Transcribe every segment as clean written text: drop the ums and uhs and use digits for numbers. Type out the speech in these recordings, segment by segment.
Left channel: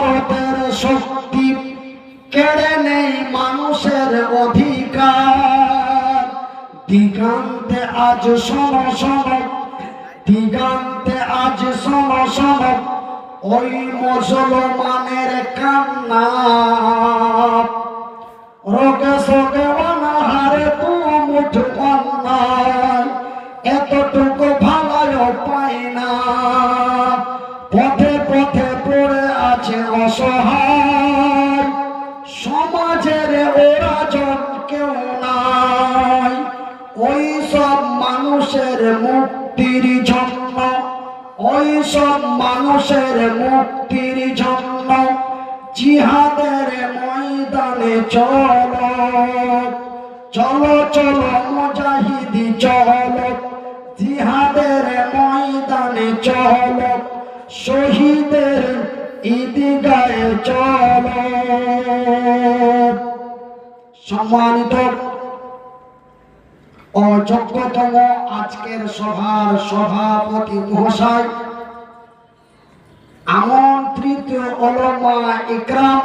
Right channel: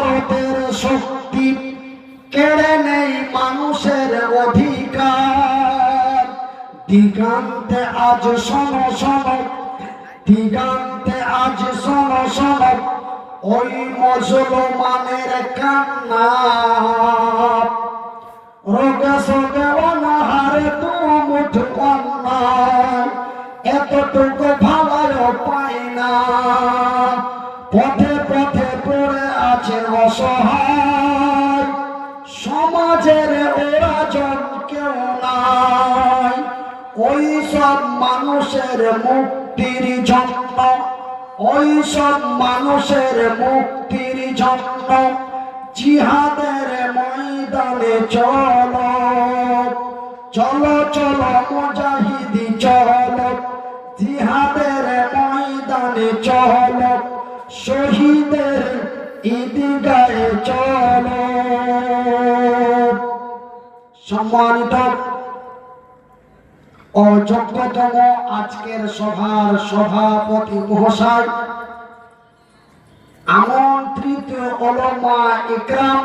ভারতের শক্তি কেড়ে নেই মানুষের অধিকার। দিগন্তে আজ শোনো শোনো, দিগন্তে আজ শোনো শোনো, ওই মুসলমানের কান্না। রোগে শোকে অনাহারে দু মুঠ অন্যায়, এতটুকু ভালো পায় না। পথে পথে পড়ে আছে অসহায়, সমাজের ওরা জন কেউ নাই। ওই সব মানুষের মুক্তির জন্য, ওই সব মানুষের মুক্তির জন্য জিহাদের ময়দানে চলো, চলো চলো মুজাহিদি চলো, জিহাদের ময়দানে চলো, শহীদের ঈদগাহে চলো। সম্মানিত ও যোগ্যতম আজকের সভার সভাপতি মহাশয়, আমন্ত্রিত উলামা ইকরাম,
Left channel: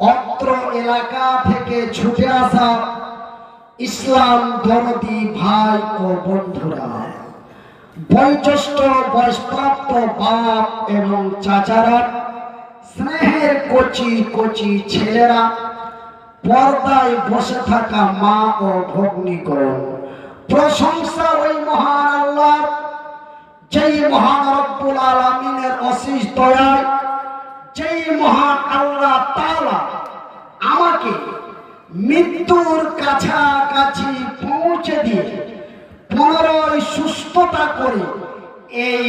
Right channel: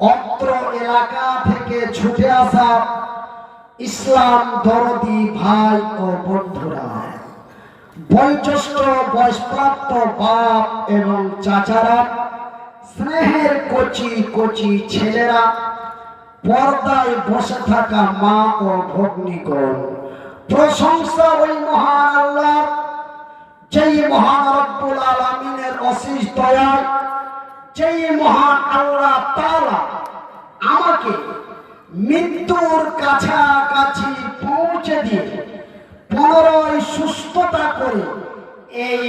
অত্র এলাকা থেকে ছুটে আসা ইসলাম দরদি ভাই ও বন্ধুরা, বয়োজ্যেষ্ঠ বয়স্প্রাপ্ত বাপ এবং চাচারা, স্নেহের কচি কচি ছেলেরা, পর্দায় বসে থাকা মা ও ভগ্নীগণ, প্রশংসা ওই মহান আল্লাহ, যেই মহান রব্বুল আলামিনের অশেষ দয়ায়, যেই মহান আল্লাহ তাআলা আমাকে মৃত্যুর কাছাকাছি পৌঁছে দিয়ে পুনরায় সুস্থতা করে এই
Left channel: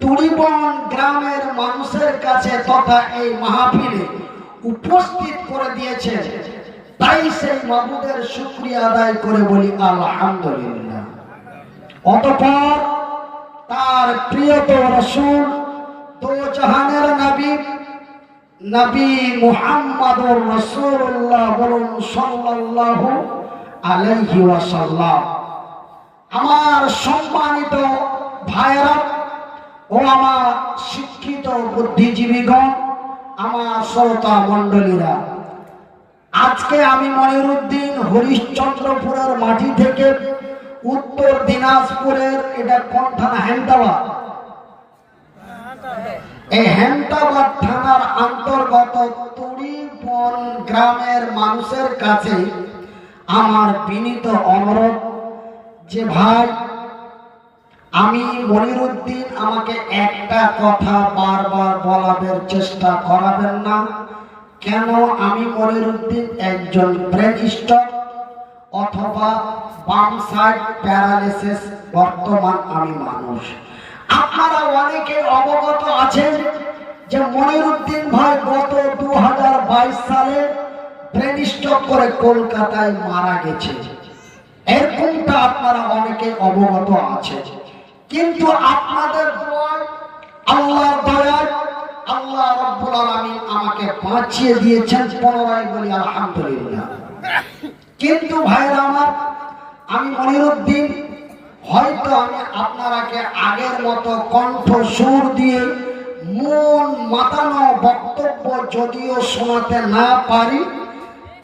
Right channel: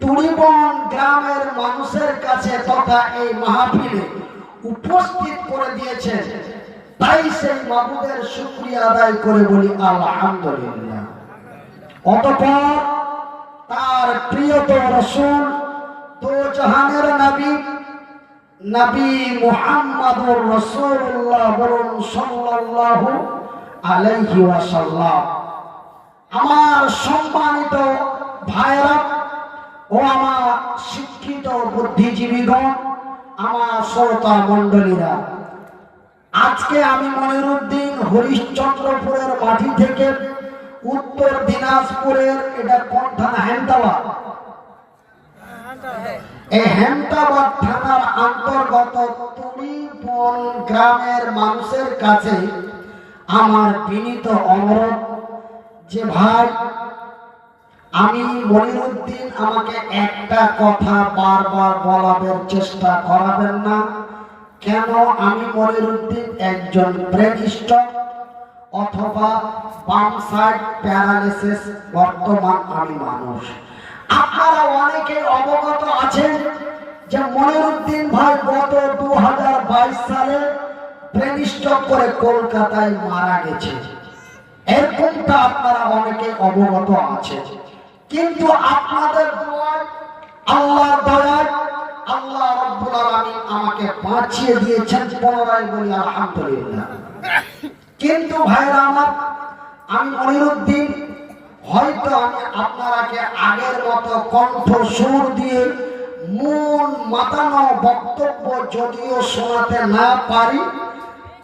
তুরিবন গ্রামের মানুষের কাছে তথা এই মাহফিলে উপস্থিত করে দিয়েছে। তাই সেই মাবুদের শুকরিয়া আদায় করে বলি আলহামদুলিল্লাহ। অতঃপর তার প্রিয়তম রাসূল, দো জাহানের নবী, নবী মুহাম্মদুর রাসূলুল্লাহ বলুন সাল্লাল্লাহু আলাইহি ওয়াসাল্লাম। আমার সম্মানিত ভাইরা ও আমার শিক্ষিত বুদ্ধিজীবীগণ, আমার শ্রোতা মণ্ডলীরা, আজকে আমি মনিরুদ্দিন হরিশ্চন্দ্রপুরের মাটি থেকে উত্তর দিনাজপুরের, এটা কোন থানা? হেমতাবাদ। এই হেমতাবাদ থানার অন্তর্গত তুরিবন গ্রামের মানুষের কাছে আমার বিনীত অনুরোধ যে ভাই, আমি মনিরুদ্দিন, আমাকে একটা কথা বারবার বলার চেষ্টা করাবেন না। কেন? আমি মনিরুদ্দিন একজন ব্রেন স্ট্রোক অথবা বাম সাইড প্যারালাইসিস বর্তমান আমি মানুষ। আপনারা অনেকে অবগত আছেন যে মনিরুদ্দিন ভাই গত 2022 সালে ব্রেন স্ট্রোক করে কলকাতায় মারা গেছে। এরকমটা আপনারা অনেকে অবগত আছেন। কিন্তু আপনাদের দোয়ায়, আল্লাহর দয়ায়, আল্লাহ রাব্বুল আলামিন আমাকে বাঁচিয়ে দিয়েছেন। পুনরায় বলি আলহামদুলিল্লাহ। কিন্তু ভাইরা আমার, আমি মনিরুদ্দিন, হয়তো আমি আপনারাকে আগের মতো কণ্ঠ সুর দিয়ে মন মাতানো বক্তব্য যদিও শোনাতে না পারি,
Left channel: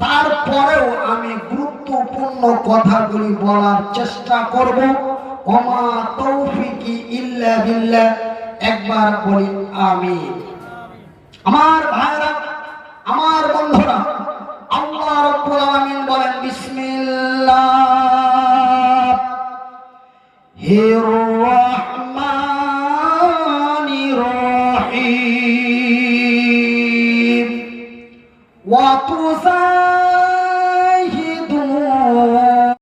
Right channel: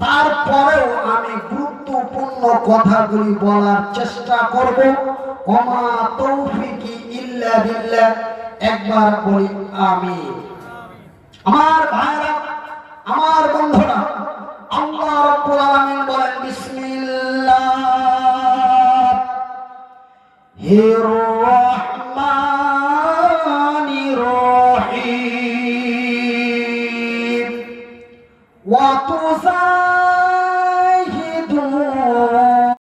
তারপরেও আমি গুরুত্বপূর্ণ কথাগুলি বলার চেষ্টা করব। ওমা তৌফিকি ইল্লা বিল্লাহ। একবার বলি আমিন। আমার ভাইরা, আমার বন্ধুরা, আল্লাহ রাব্বুল আলামিন বলেন বিসমিল্লাহির রহমানির রহিম। ওয়া তুসা